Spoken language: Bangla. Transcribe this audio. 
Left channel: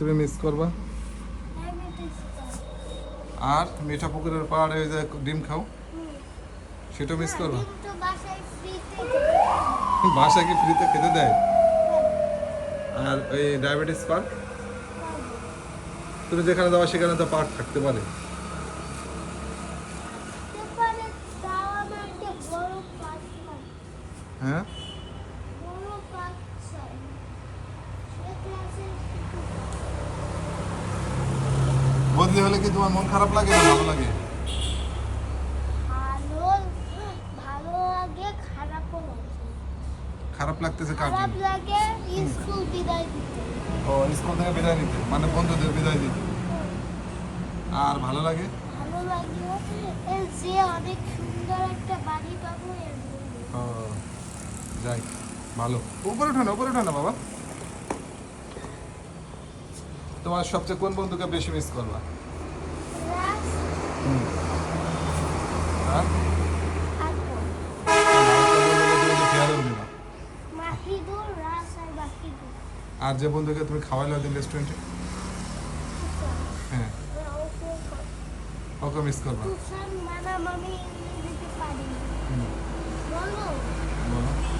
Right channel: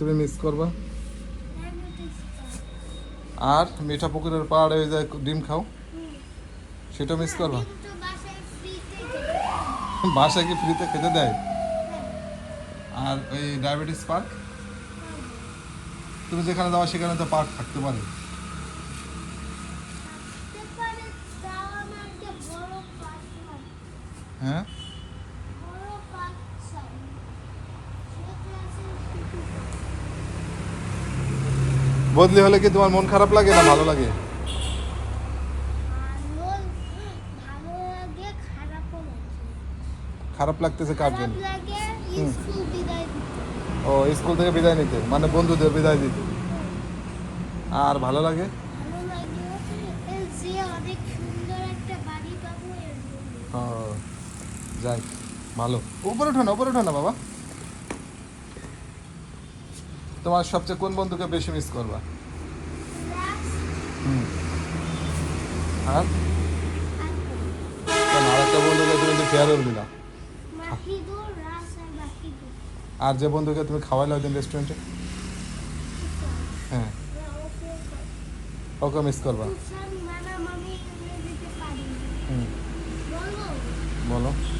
তুমি মিস করবা। আর মিঠা পুকুরের পাড়ে যে ডিম খাও সেটা মিস করবা। বাসায় কি ফ্রিতে খেতে দেয়? আর ওই ডায়াবেটিস পার্ক, তুমি যেখানে যাওয়া সেখানে তো পার্ক থাকতে পারে। হ্যাঁ, বদলি হলে কি তোমার মন খারাপ লাগে না ভালো লাগে? খারাপ লাগতেছে কার জন্য? ও স্কুল থেকে বিদায় নিতে, মানে বন্ধুদের বিদায় দিতে। আর ভালো লাগে যাই, ভালো। উপরে ওঠে না বাবা। তোমার সবচেয়ে কোন বন্ধুকে বেশি মিস করবা? আর যে বন্ধুকে তুমি খাওয়ালে ওই দিন রেস্টুরেন্টে, হ্যাঁ, ওকে মিস করবা। বলো।